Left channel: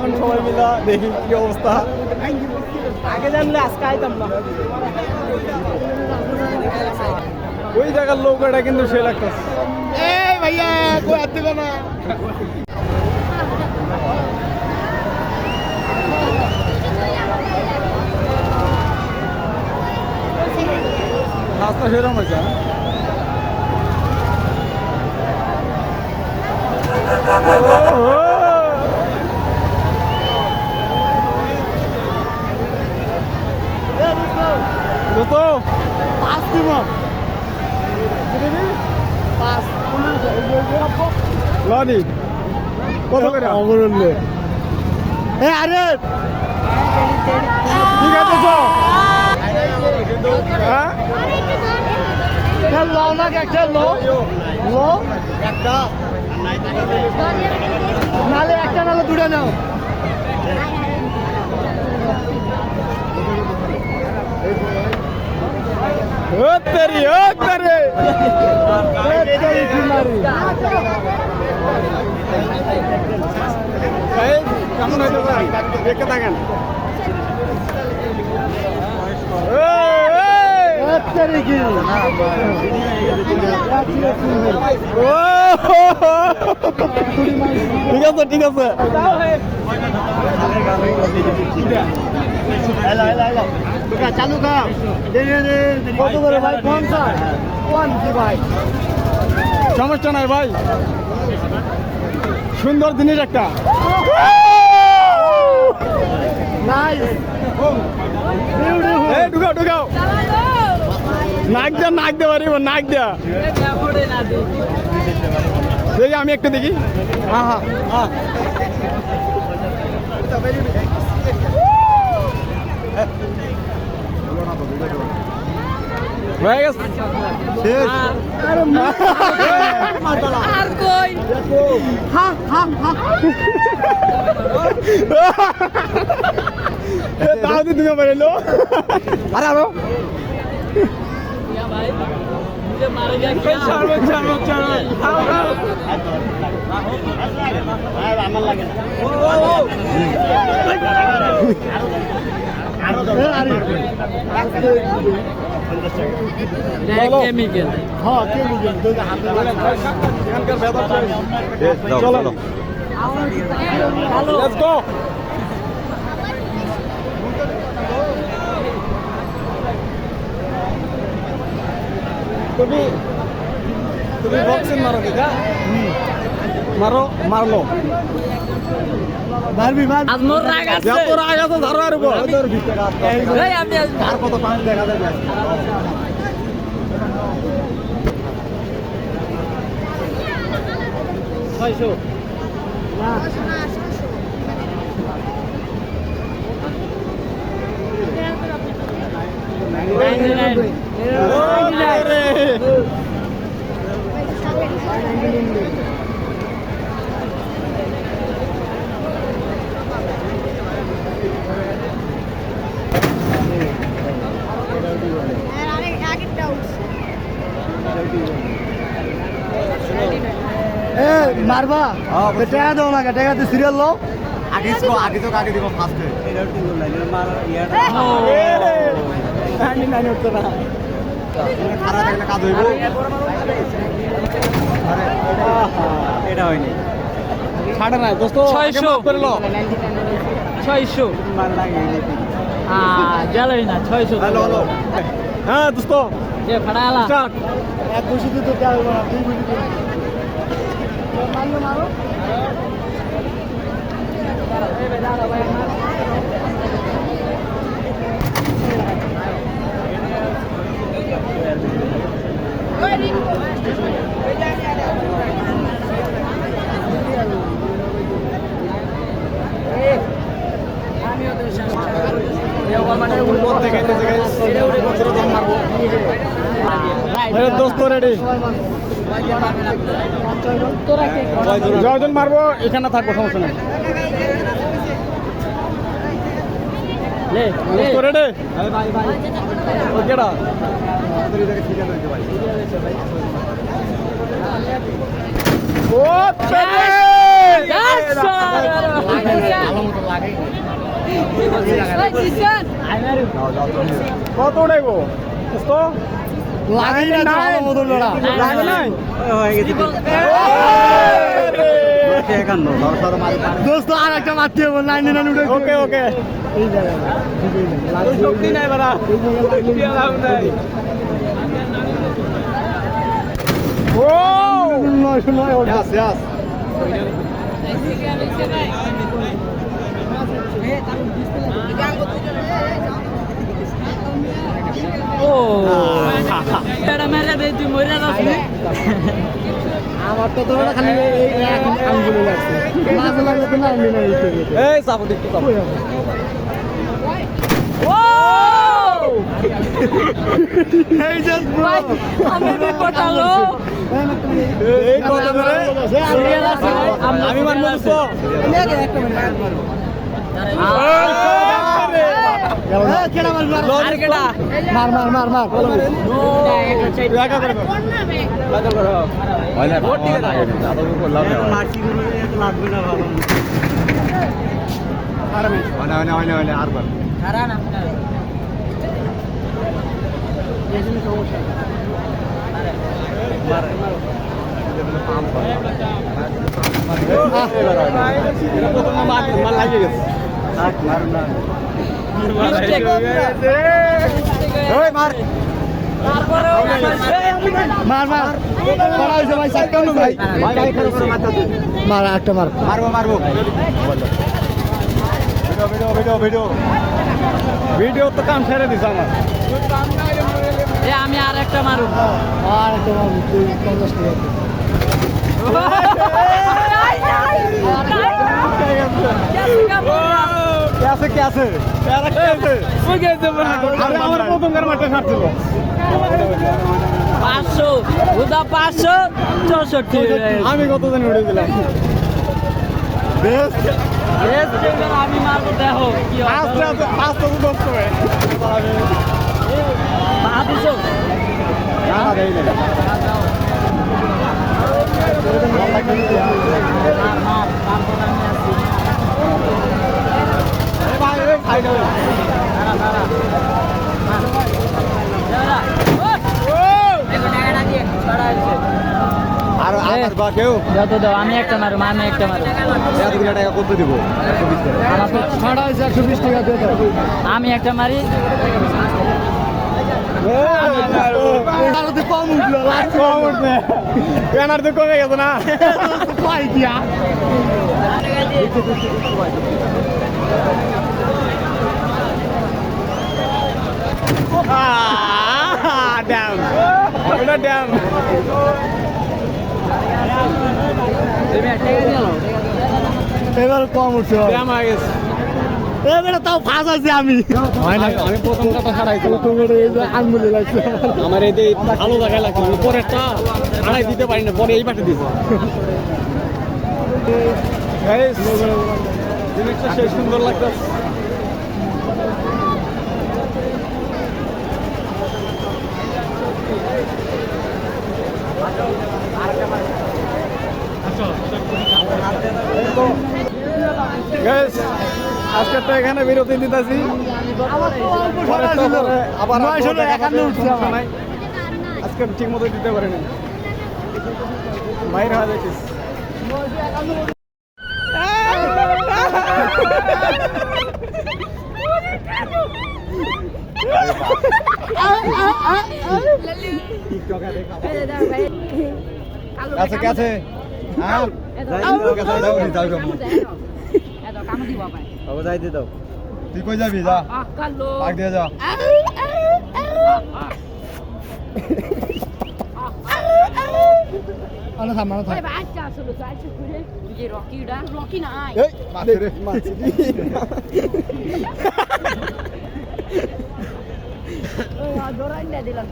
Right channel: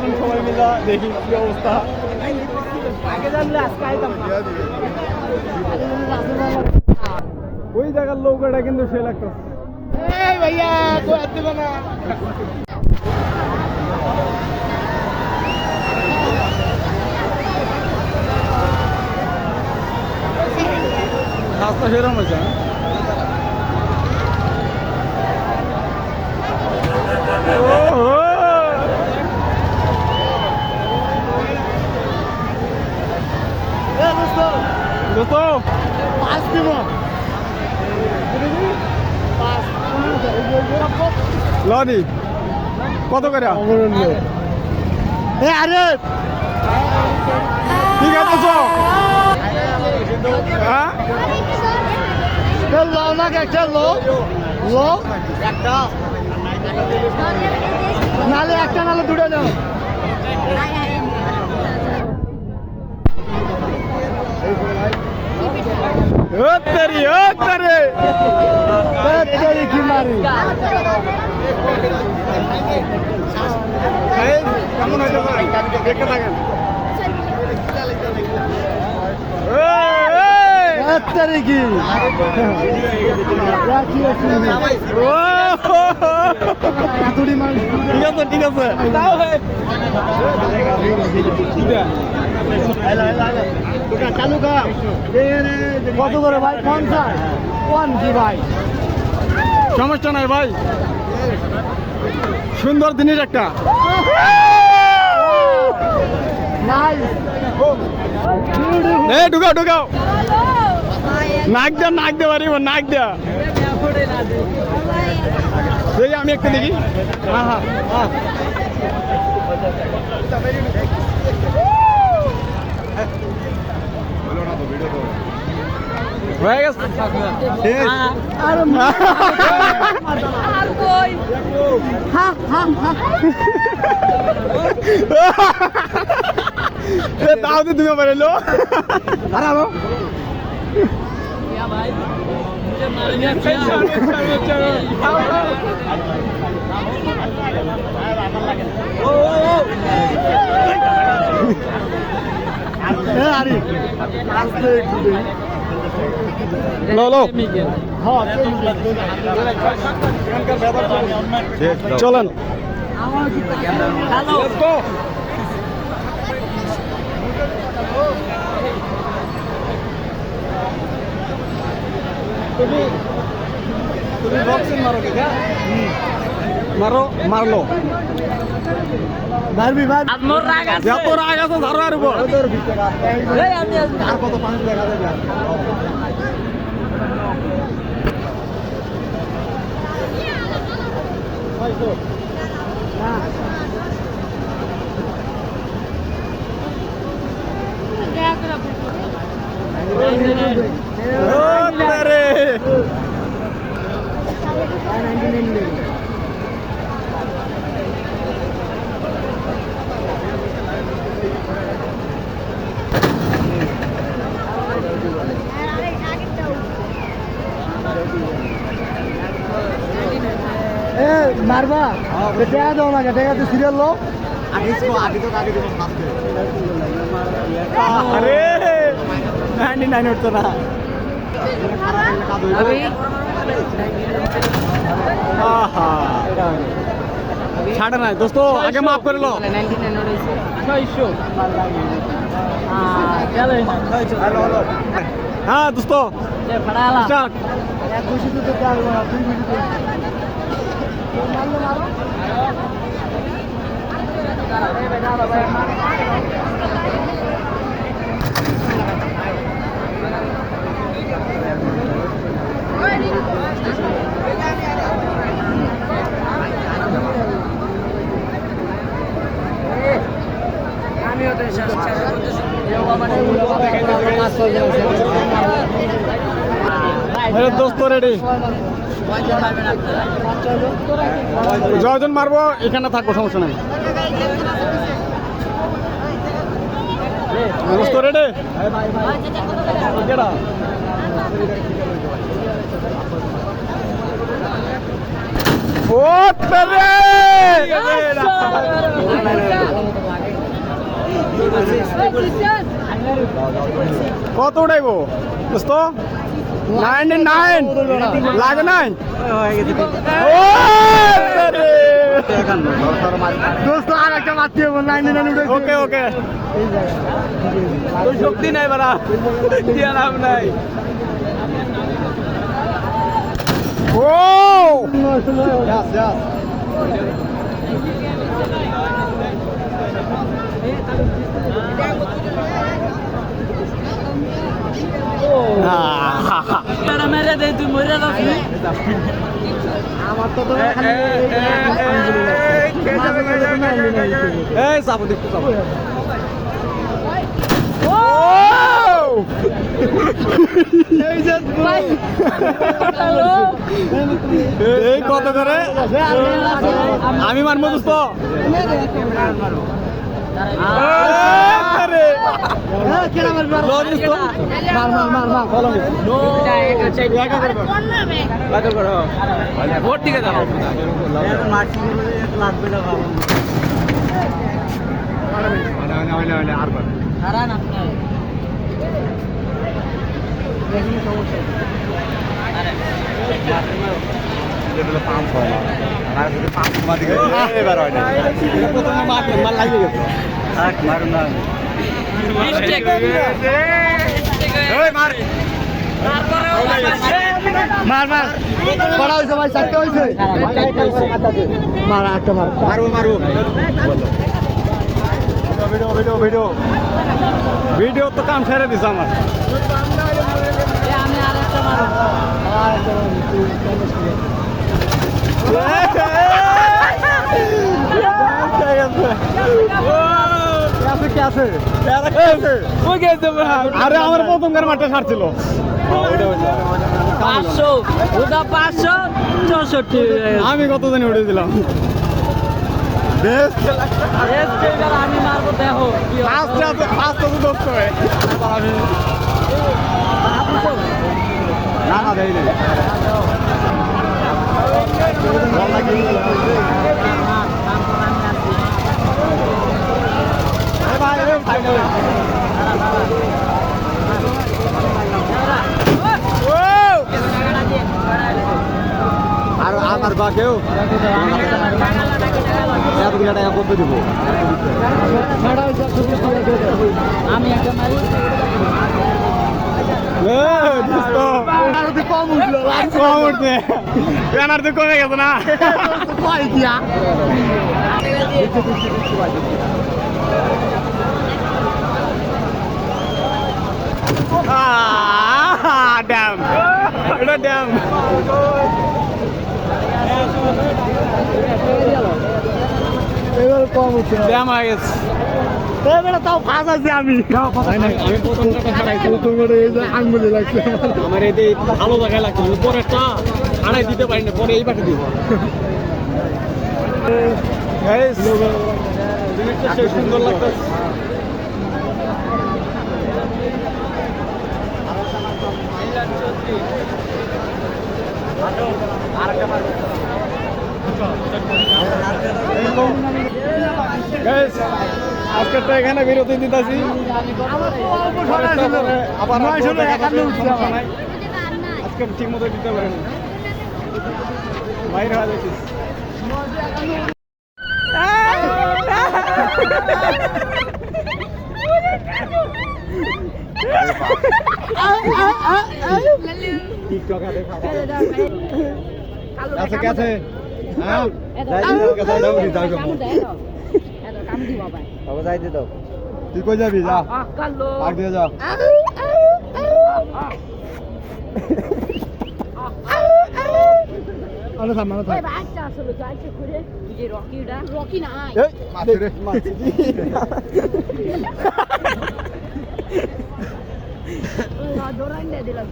এখন সবাই মিলা দেখি কি অবস্থা। ওই জায়গার নৌকাটা কিন্তু সে লাগতেছে। রাস্তা সেরকম হয়েছে। পাঁচ দিব লনি কত করে? আরে ঠিক আছে তো একটা নালে একটা নালে দুটো নাও। কেমন হইতে পারেন দেখে থাকেন। ঠিক আছে ঠিক আছে চালু সমস্যা নাই ভাই, সুন্দর জিনিস একটা। ঢুকাও ঢুকাও নাক দেয়া নাক দেওয়া পারিব নাক দেয়া দেখি আমি একটা দেখি। হ্যাঁ হ্যাঁ হ্যাঁ হয়ে গেছে তাও তো তুমি পারলো চলো তুমি বক্সিং মারো কি মারো মারলো মারবি যত রাগ আছে ধরো আর তার কত পাঁচ দেখা যাবে। মারবা টাকা দাও না, টাকা দিয়ে সিরিয়াল লো আগে আগে দিব ফার্স্টে এটা হয়নি ছাড়ে না দোস্ত, আগে মাফ করে লো 600 হ্যাঁ দোস্ত স্টার্ট 200 তো টাকা মারো 2 মিনিট মারলো মারো দোস্ত রেডি যজন মারবো এখানে থাকবো, সমস্যা নাই। দোস্ত রেডি ও কত উঠাইবো দোস্ত 99 লাগে নাই হয়ে গেছে দোস্ত আর একটা মারতে হবে 99 উঠে ওকে ওকে এই শক্তি নাই বাড়া দিয়া লাভ নাই ও ইয়াস ইয়াস আমি মারবো দোস্ত মার মার মার মার মার মার পড়া হয়েছে ভাই চারটা হয়েছে মার একটা মার মারবো মারবো ভিডিও ভিডিও ভিডিও ভিডিও তো কাম ছেড়ে দিস আমার আমি আর একটা মারব कैसे कैसे यार कैसे वो कैसे बना अरे আমার প্রথমবার মাঠে ছাড়ছিল 500 ওটা 564 আমি কত দিন উড়ে দিলাম বেস্ট বেস্ট এবার আমি মারবো দেখো কি হয় ফাস্ট তো দোস্ত হবে না না দেই না ভাই এই ফাইনাল আর আমার বা কেউ আমি একটা মারব আমি একটা এতগুলো টাকা কত দিব 120 টাকা আমি একটা মারি কম উঠলো কম উঠবে ব্যানার তো কমে গেছে না পাই দিয়া ড্যাম এটা ড্যাম এবার কম উঠছে ড্যাম হয়ে গেছে এবারে তাও ফাঁস আছে আমি প্রথমটা তো ছাড়াই আঙুলে লাগছে আমার এতে ভালো জায়গায় লাগছে পরে তা ছাড়াই দিতে পারি না পরে এই পাঠে দিতে জিনিসটা সেই সুন্দর লাগতেছে আজকে তো এখানে বিরতি দিতেছি আবার সমস্যা নাই আজকে ঠিক মতো দিতে পারিনি বাইরে হয়ে যাচ্ছিস কাছে কাছে তুই কই যাবি যা দিয়ে যা রকি না দিলাম